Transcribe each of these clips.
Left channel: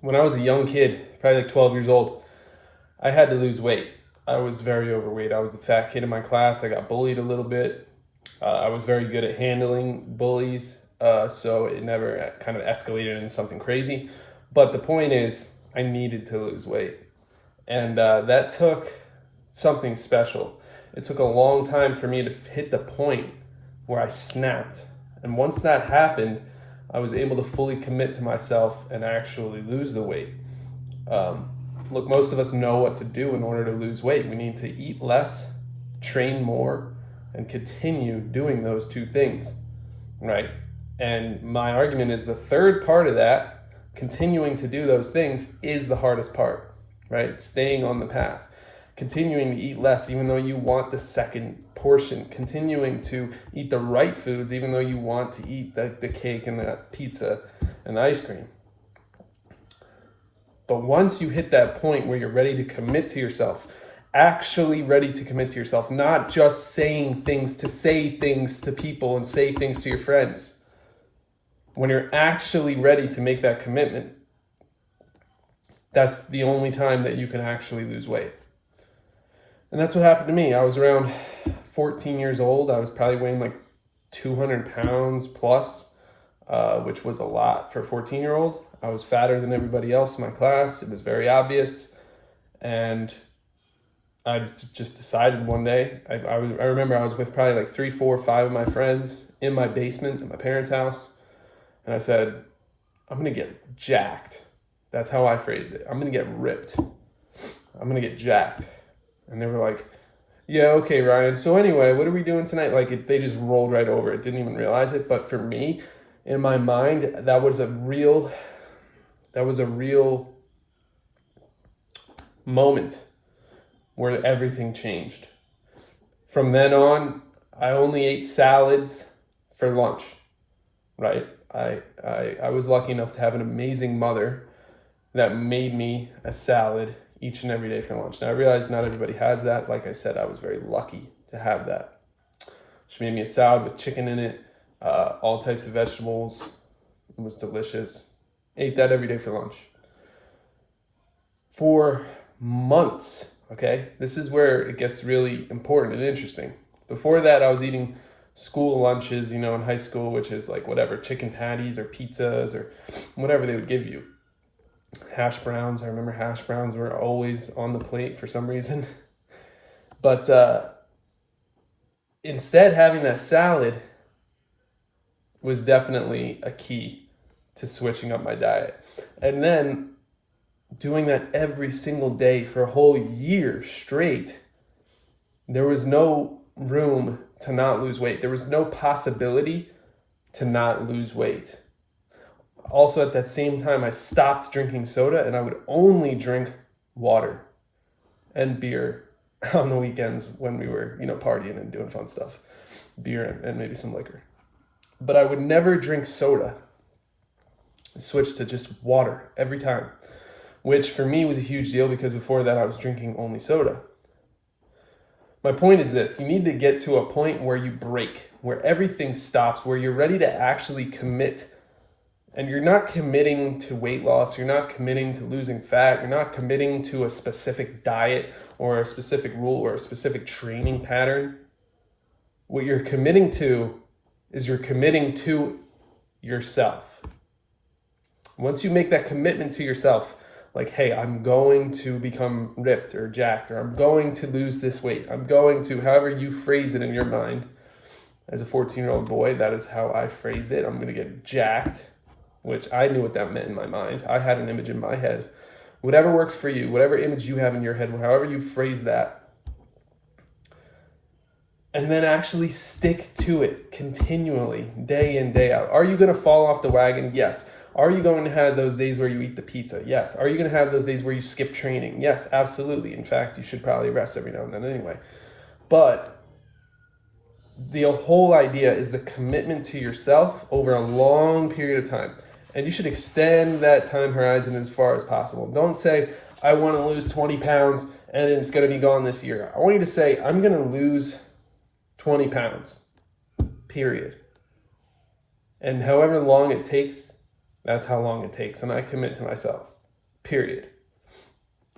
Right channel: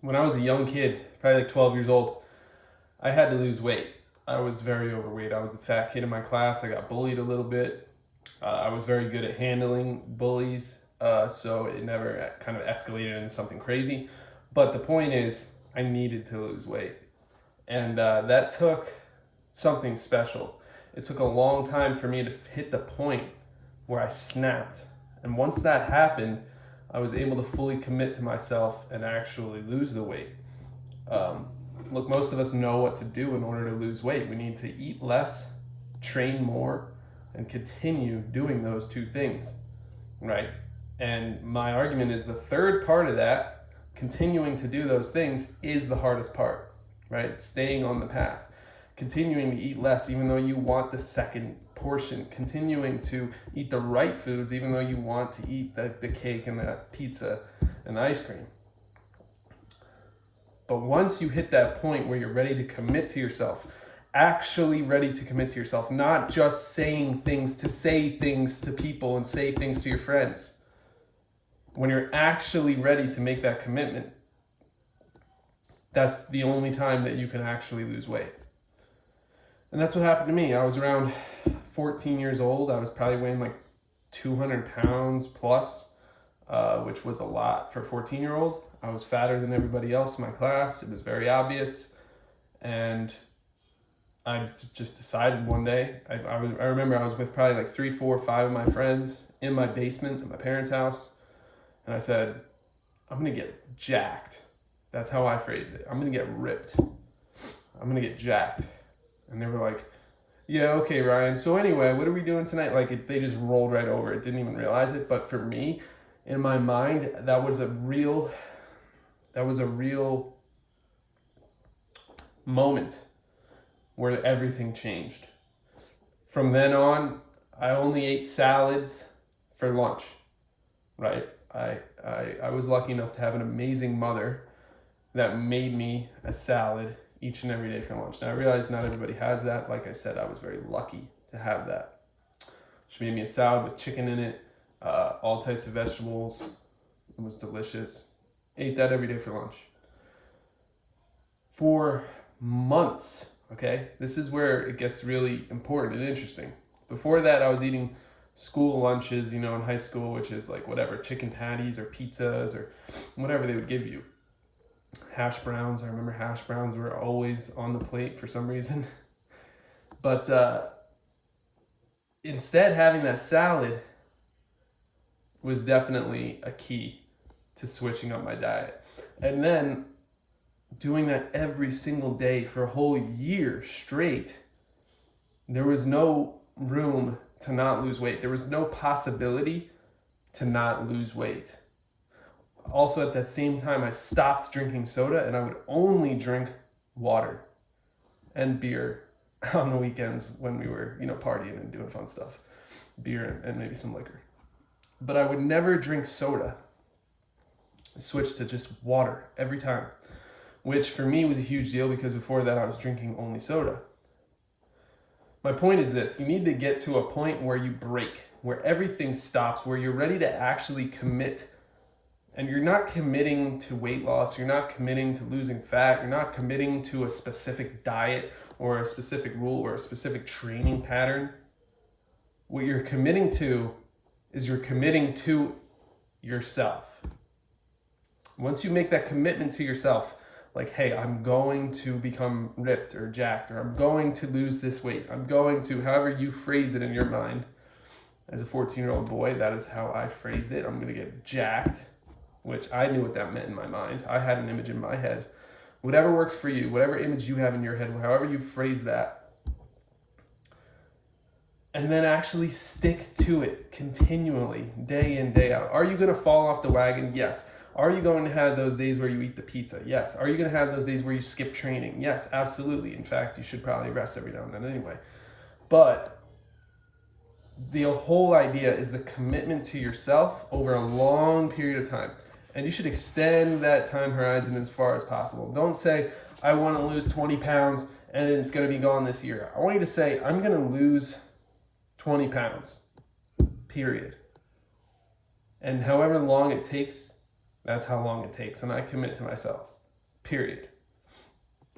When I was a young kid, probably like 12 years old, I had to lose weight. I was very overweight. I was the fat kid in my class. I got bullied a little bit. I was very good at handling bullies, so it never kind of escalated into something crazy. But the point is, I needed to lose weight. And that took something special. It took a long time for me to hit the point where I snapped. And once that happened, I was able to fully commit to myself and actually lose the weight. Um, Look, most of us know what to do in order to lose weight. We need to eat less, train more, and continue doing those two things, right? And my argument is the third part of that, continuing to do those things, is the hardest part, right? Staying on the path, continuing to eat less, even though you want the second portion, continuing to eat the right foods, even though you want to eat the cake and the pizza and the ice cream. But once you hit that point where you're ready to commit to yourself, actually ready to commit to yourself, not just saying things to say things to people and say things to your friends. When you're actually ready to make that commitment, that's the only time that you can actually lose weight. And that's what happened to me. I was around 14 years old. I was probably weighing like 200 pounds plus, which was a lot for a 14-year-old. I was fatter than everybody else in my class. It was very obvious. And I just decided one day, I remember I was with probably like 3, 4, 5 of my friends in my basement at my parents' house. And I said, I'm going to get jacked. That's how I phrased it. I'm going to get ripped. I'm going to get jacked. And they were like, yeah, okay, Ryan. So anyway, what are we doing tonight? They just rolled right over it. Didn't even realize it. But for me, in my mind, that was a real moment where everything changed. From then on, I only ate salads for lunch, right? I was lucky enough to have an amazing mother that made me a salad each and every day for lunch. Now I realize not everybody has that. Like I said, I was very lucky to have that. She made me a salad with chicken in it, all types of vegetables. It was delicious. Ate that every day for lunch. For months, okay? This is where it gets really important and interesting. Before that, I was eating school lunches, in high school, which is like whatever, chicken patties or pizzas or whatever they would give you. Hash browns, I remember hash browns were always on the plate for some reason. But instead, having that salad was definitely a key to switching up my diet. And then doing that every single day for a whole year straight, there was no room to not lose weight. There was no possibility to not lose weight. Also, at that same time, I stopped drinking soda and I would only drink water and beer on the weekends when we were, partying and doing fun stuff. Beer and maybe some liquor. But I would never drink soda. I switched to just water every time, which for me was a huge deal because before that I was drinking only soda. My point is this: you need to get to a point where you break, where everything stops, where you're ready to actually commit. And you're not committing to weight loss, you're not committing to losing fat, you're not committing to a specific diet or a specific rule or a specific training pattern. What you're committing to is you're committing to yourself. Once you make that commitment to yourself, like, hey, I'm going to become ripped or jacked, or I'm going to lose this weight, I'm going to, however you phrase it in your mind. As a 14-year-old boy, that is how I phrased it. I'm going to get jacked, which I knew what that meant in my mind. I had an image in my head. Whatever works for you, whatever image you have in your head, however you phrase that, and then actually stick to it continually, day in, day out. Are you going to fall off the wagon? Yes. Are you going to have those days where you eat the pizza? Yes. Are you going to have those days where you skip training? Yes, absolutely. In fact, you should probably rest every now and then anyway. But the whole idea is the commitment to yourself over a long period of time. And you should extend that time horizon as far as possible. Don't say, I want to lose 20 pounds and it's going to be gone this year. I want you to say, I'm going to lose 20 pounds, period. And however long it takes, that's how long it takes. And I commit to myself. period.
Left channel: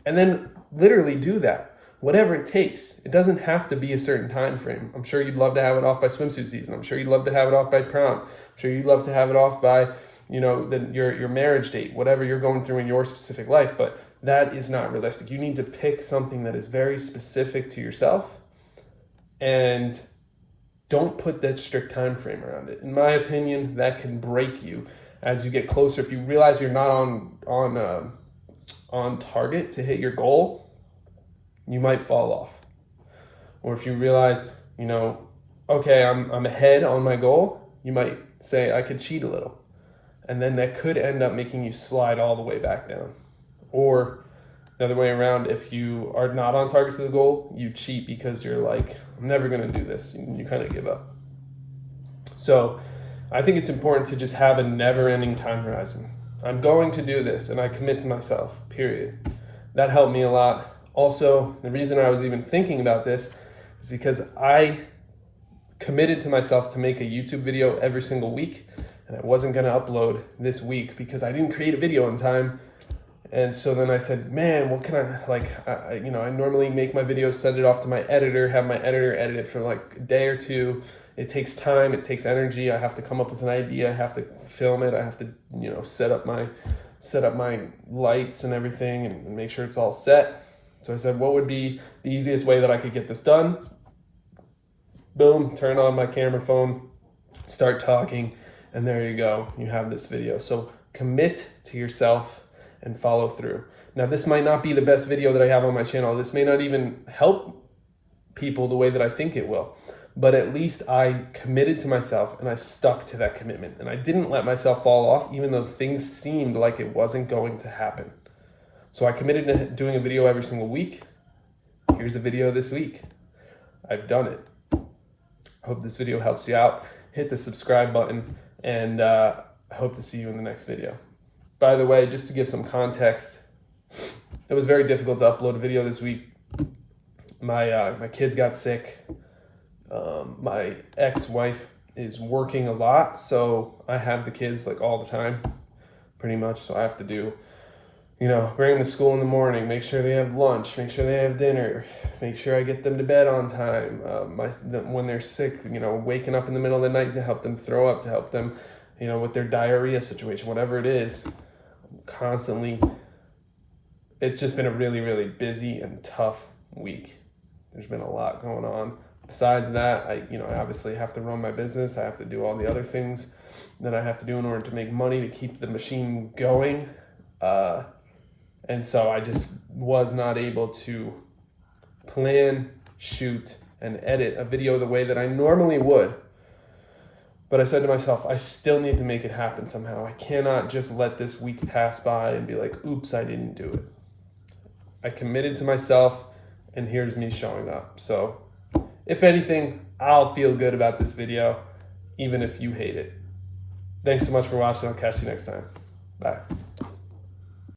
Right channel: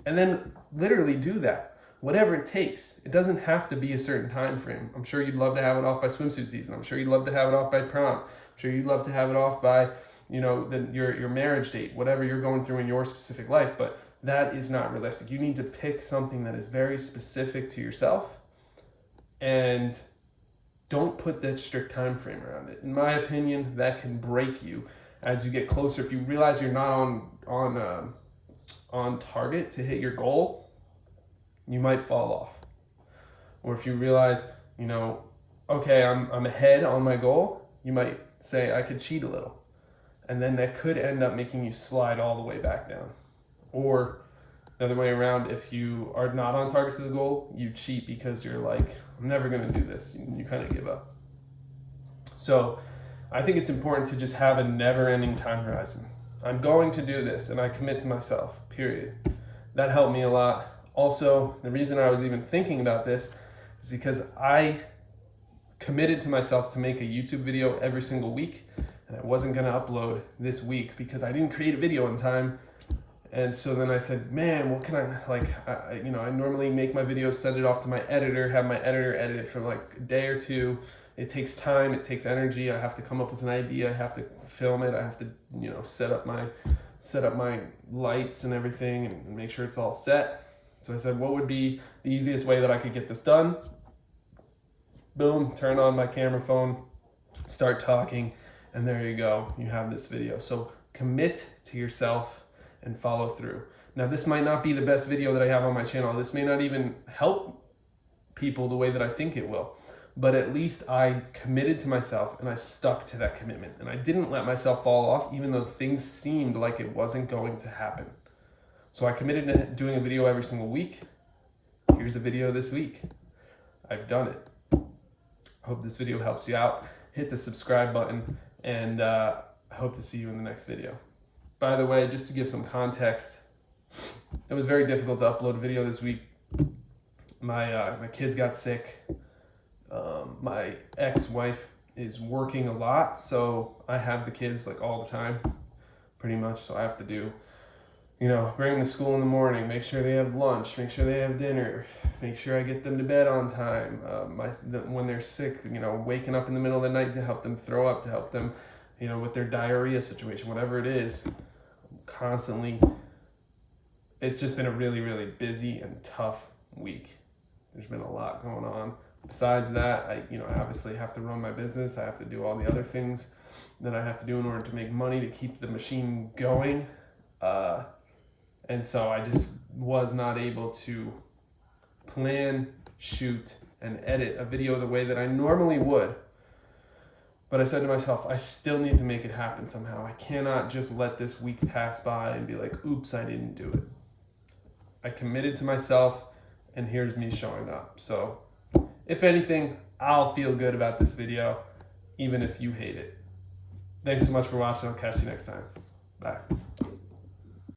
And then literally do that, whatever it takes. It doesn't have to be a certain time frame. I'm sure you'd love to have it off by swimsuit season. I'm sure you'd love to have it off by prom. I'm sure you'd love to have it off by, your marriage date, whatever you're going through in your specific life, but that is not realistic. You need to pick something that is very specific to yourself and don't put that strict time frame around it. In my opinion, that can break you as you get closer. If you realize you're not on target to hit your goal, you might fall off. Or if you realize, okay, I'm ahead on my goal, you might say I could cheat a little. And then that could end up making you slide all the way back down. Or the other way around, if you are not on target to the goal, you cheat because you're like, I'm never gonna do this. And you kind of give up. So I think it's important to just have a never-ending time horizon. I'm going to do this, and I commit to myself, period. That helped me a lot. Also, the reason I was even thinking about this is because I committed to myself to make a YouTube video every single week, and I wasn't gonna upload this week because I didn't create a video in time. And so then I said, man, what can I normally make my videos, send it off to my editor, have my editor edit it for like a day or two. It takes time, it takes energy. I have to come up with an idea, I have to film it, I have to, set up my lights and everything and make sure it's all set. So I said, what would be the easiest way that I could get this done? Boom, turn on my camera phone, start talking, and there you go, you have this video. So commit to yourself and follow through. Now, this might not be the best video that I have on my channel. This may not even help people the way that I think it will, but at least I committed to myself and I stuck to that commitment. And I didn't let myself fall off, even though things seemed like it wasn't going to happen. So I committed to doing a video every single week. Here's a video this week. I've done it. I hope this video helps you out. Hit the subscribe button, and I hope to see you in the next video. By the way, just to give some context, it was very difficult to upload a video this week. My kids got sick. My ex-wife is working a lot, so I have the kids like all the time, pretty much. So I have to do, bring them to school in the morning, make sure they have lunch, make sure they have dinner, make sure I get them to bed on time. When they're sick, waking up in the middle of the night to help them throw up, to help them, with their diarrhea situation, whatever it is. Constantly, it's just been a really, really busy and tough week. There's been a lot going on. Besides that, I obviously have to run my business. I have to do all the other things that I have to do in order to make money to keep the machine going. And so I just was not able to plan, shoot, and edit a video the way that I normally would. But I said to myself, I still need to make it happen somehow. I cannot just let this week pass by and be like, oops, I didn't do it. I committed to myself, and here's me showing up. So if anything, I'll feel good about this video, even if you hate it. Thanks so much for watching. I'll catch you next time. Bye.